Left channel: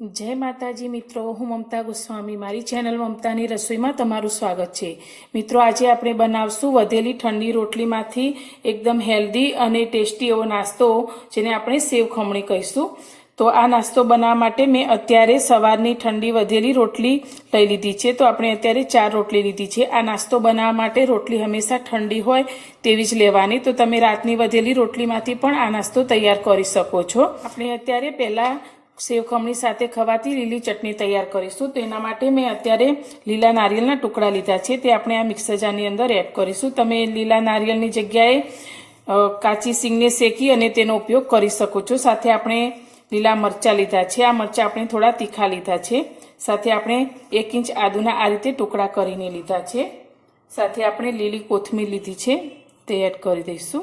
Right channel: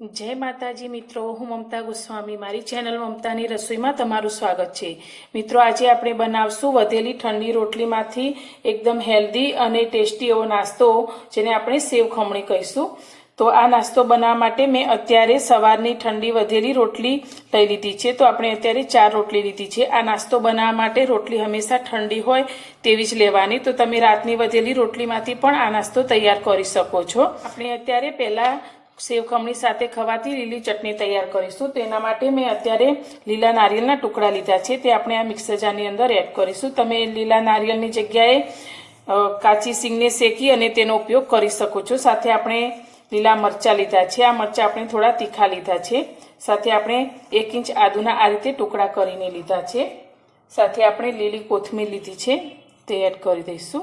જય માતાજી મિત્રો, હું મમતા ગોસ્વામી. મારી ચેનલ મમતાની રસોઈમાં તમારું સ્વાગત છે. મિત્રો, આજે આપણે બનાવશું વધેલી ઠંડી રોટલીમાંથી એકદમ હેલ્ધી અને ટેસ્ટી એવો નાસ્તો, જેને આપણે સેવ ખમણી કહીશું. તો આ નાસ્તો બનાવવા માટે મેં અત્યારે સવારની ઠંડી વધેલી રોટલી લઈ લીધી છે. તો આપણે અત્યારે ચાર રોટલી લીધી છે. આ નાસ્તો બનાવવા માટે રોટલી હંમેશા ઠંડી હોય તેવી જ લેવાની. તો તમે રાતની વધેલી રોટલીમાંથી પણ આ નાસ્તો તૈયાર કરી શકો છો. આપણે અત્યારે પહેલાં સેવ ખમણી સાથે ખવાતી લીલી ચટણી તૈયાર કરીશું. તો એના માટે મેં અત્યારે લીલા નારિયેળના ટુકડા લીધા છે. તે આપણે આ મિક્સર જારની અંદર એડ કરીશું. તમે લીલા નારિયેળની જગ્યાએ કાચી સિંગને શેકી અને તેનો ઉપયોગ કરી શકો છો. સાથે આપણે લીલા મરચાં લીધા છે. આ મરચાં આપણે થોડા તીખા લીધા છે. સાથે આપણે એક ઇંચ આદુના આ રીતે ટુકડા કરીને લીધા છે. સાથે આપણે લીલી કોથમીર લીધી છે. તે એડ કરી દઈશું.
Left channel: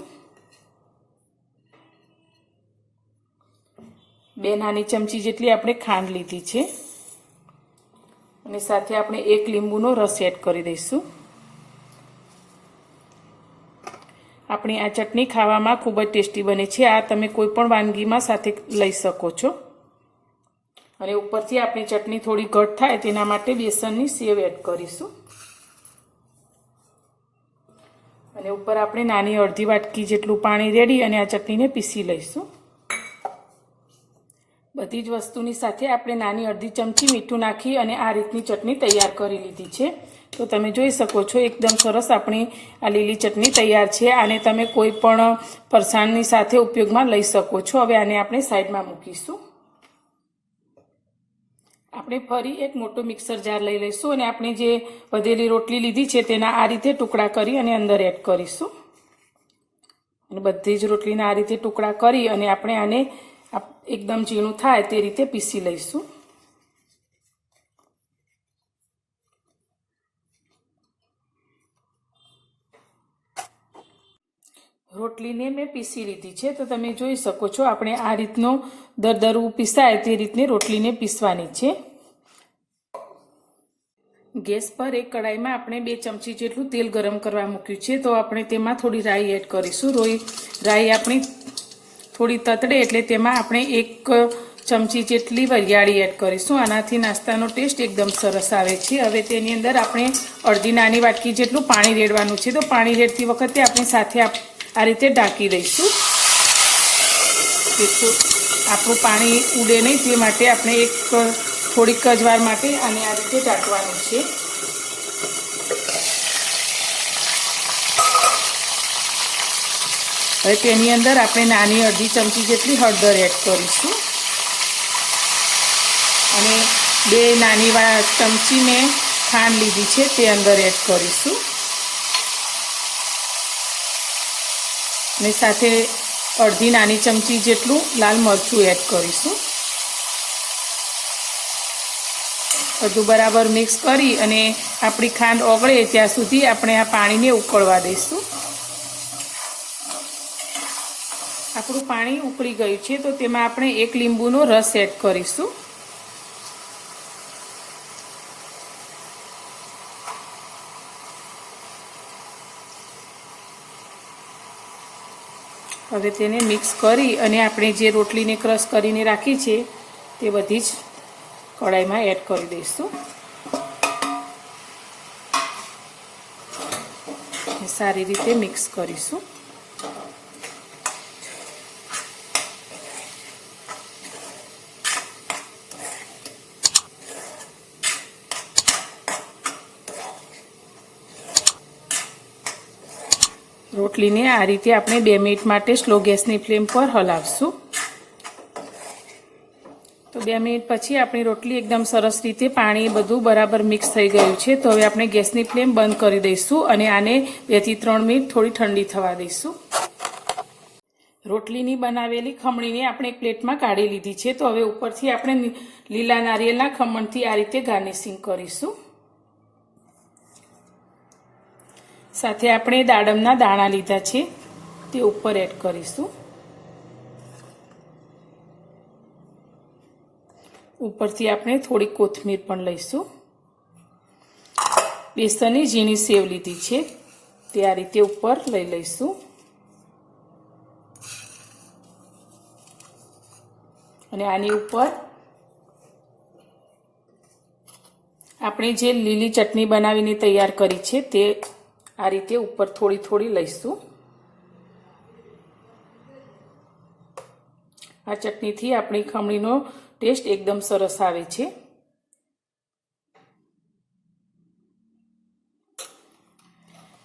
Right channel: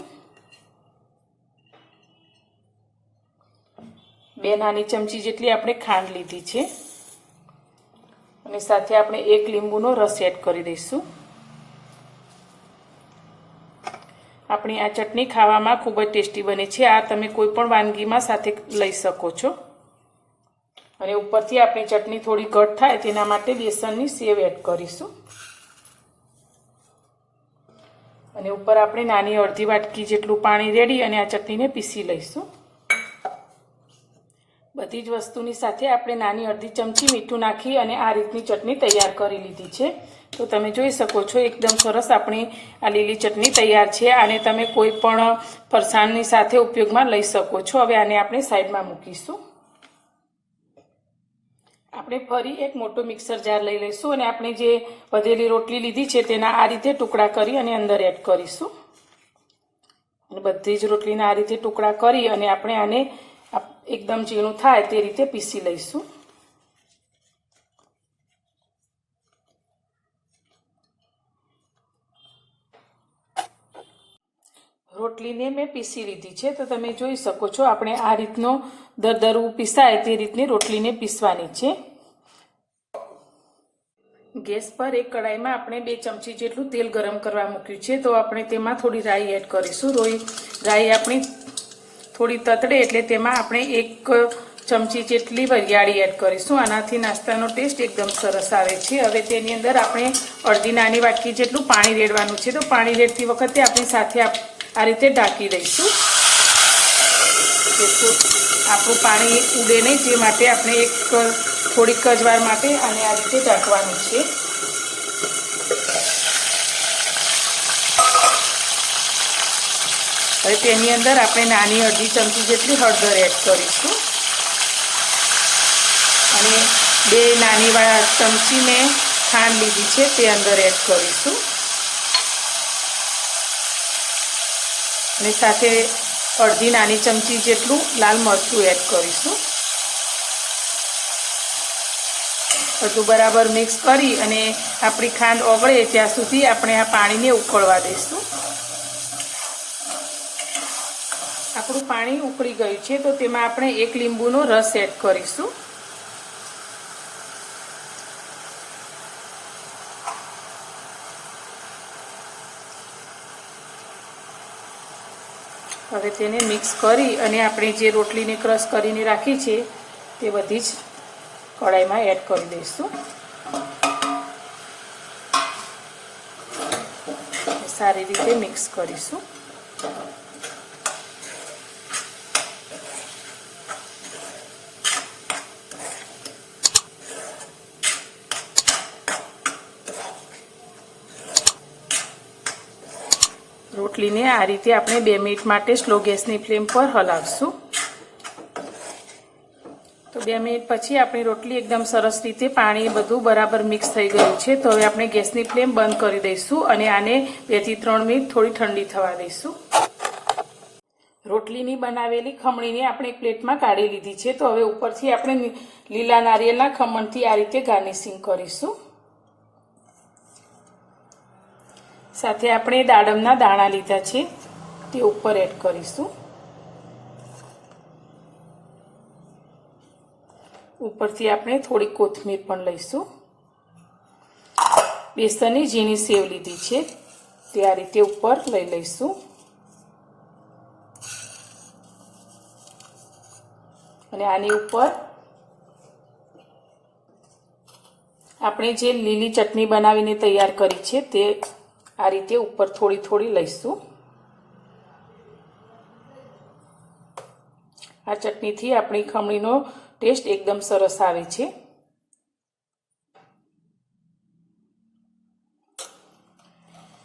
બે નાની ચમચી જેટલી આપણે ખાંડ લીધી છે. અને સાથે આપણે એક લીંબુનો રસ એડ કરી દઈશું. આપણી આ ચટણી ખાવામાં ખૂબ જ ટેસ્ટી બને છે. આ તમે કોઈ પણ વાનગીમાં સાથે લઈ શકો છો. અને ઉપરથી આપણી ચટણી થોડી ઘટ થાય તેના માટે બેસનની સેવ એડ કરીશું. અને ઉપર આપણે નાની અડધી વાટકી જેટલું પાણી રેડી અને આ ચટણીને પીસી લઈશું. બધી જ વસ્તુની સાથે આપણે નાની અડધી ચમચી મીઠું નાખી અને આ રીતની ચટણી તૈયાર કરી લીધી છે. તો તમે જોઈ શકો છો, એકદમ સરસ આપણી આ લીલી ચટણી તૈયાર છે. આને તમે કોઈ પણ ફરસાણની સાથે ઉપયોગમાં લઈ શકો છો. હવે આને આપણે સાઈડમાં મૂકીશું. આપણે ફરી એક મોટો મિક્સર જાર લઈ લઈશું અને આપણે જે વધેલી રોટલી લીધી છે તેના આ રીતે ટુકડા કરી અને અંદર એડ કરીશું. અને બધી જ રોટલીના આ રીતે ટુકડા કરી અને આપણે આને એકદમ ઝીણું થાય તે રીતે પીસી લઈશું. રોટલીને મેં પીસી લીધી છે. તો તમે જોઈ શકો છો, આપણે આ રીતનો દરદરવું પીસાય તે રીતની રોટલીને પીસવાની છે. ગેસ પર એક કડાઈમાં આપણે બે ચમચી જેટલું તેલ ગરમ કરવા મૂક્યું છે. તો આપણે તેમાં થોડી રાઈ એડ કરીશું. રોઈ રાઈ આપણી થોડી તતડે એટલે તેમાં આપણે એક ચમચી જેટલી વરિયાળી એડ કરીશું. આનાથી નાસ્તાનો ટેસ્ટ એકદમ સરસ આવે છે. હવે તેની અંદર આપણે અડધી નાની વાટકી જેટલું પાણી રેડવાનું છે. તો પાણી રેડતી વખતે આપણે સાથે આ રીતે ઢાંકી દઈશું. આપણું પાણી ઉડે નહીં. તે માટે આપણે એક થોડીક જ માટે અને આ રીતે ઢાંકવાનું છે. હવે તેની અંદર આપણે નાની અડધી ચમચી જેટલી હળદર એડ કરીશું. અને બે નાની ચમચી મેં ખાંડ લીધી છે, તે અંદર એડ કરીશું. અને સાથે અડધી નાની ચમચી જેટલું લાલ મરચું એડ કરીશું. બધું બરાબર મિક્સ કરી અને આપણી ખાંડ ઓગળે ત્યાં સુધી આપણે આ પાણીને ઉકળવા દઈશું. આપણું પાણી ઉકળી ગયું છે, તો તેમાં આપણે એક લીંબુનો રસ એડ કરીશું. હવે તેને મિક્સ કરી અને આપણે જે રોટલીને ક્રશ કરીને રાખી છે, તે બધી જ કડાઈમાં એડ કરી દઈશું. સારી રીતે મિક્સ કરીશું. રોટલીને આ રીતે આપણે બે મિનિટ માટે સ્લો ગેસની ફ્લેમ પર હલાવશું. તો બે મિનિટ પછી આપણી રોટલી એકદમ સરસ રીતે પાણી બધું બરાબર મિક્સ થઈ ગયું છે. તો હવે આપણે ગેસની ફ્લેમ બંધ કરી દઈશું અને આને બેથી ત્રણ મિનિટ થોડી ઠંડી થવા દઈશું. રોટલીની બનાવેલી ખમણીને આપણે એક પ્લેટમાં કાઢી લીધી છે. તો હવે ઉપરથી આપણે લીલા નારિયેળના ખમણથી આ રીતે ગાર્નિશિંગ કરીશું. સાથે આપણે દાડમના દાણા લીધા છે. તે ઉપર એડ કરીશું. ઉપરથી આપણે થોડી કોથમીર પણ લઈશું. બેસનની ઝીણી સેવ લીધી છે. તે આ રીતે ઉપર લઈ લઈશું. અને આની ઉપર આપણે જે લીલી ચટણી બનાવીને તૈયાર કરી છે તે આ રીતે ઉપર થોડી થોડી લઈશું. આ ચટણીથી આપણી ખમણીનો ટેસ્ટ એકદમ સરસ આવે છે.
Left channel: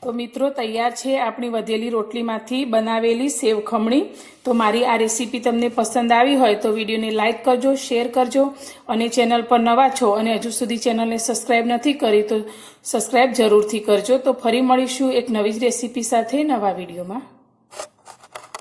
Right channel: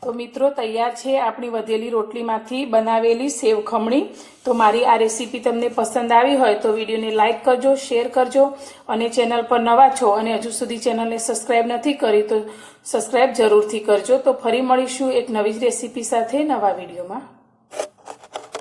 તો મિત્રો તૈયાર છે આપણી વધેલી રોટલીમાંથી બનાવેલી સેવ ખમણી. તો મારી આ રેસીપી તમને પસંદ આવી હોય તો વિડીયોને લાઇક કરજો, શેર કરજો અને ચેનલ પર નવા છો અને હજુ સુધી ચેનલને સબસ્ક્રાઇબ નથી કરી તો સબસ્ક્રાઇબ જરૂરથી કરજો. તો ફરી મળીશું એક નવી જ રેસીપી સાથે નવા વિડીયોમાં.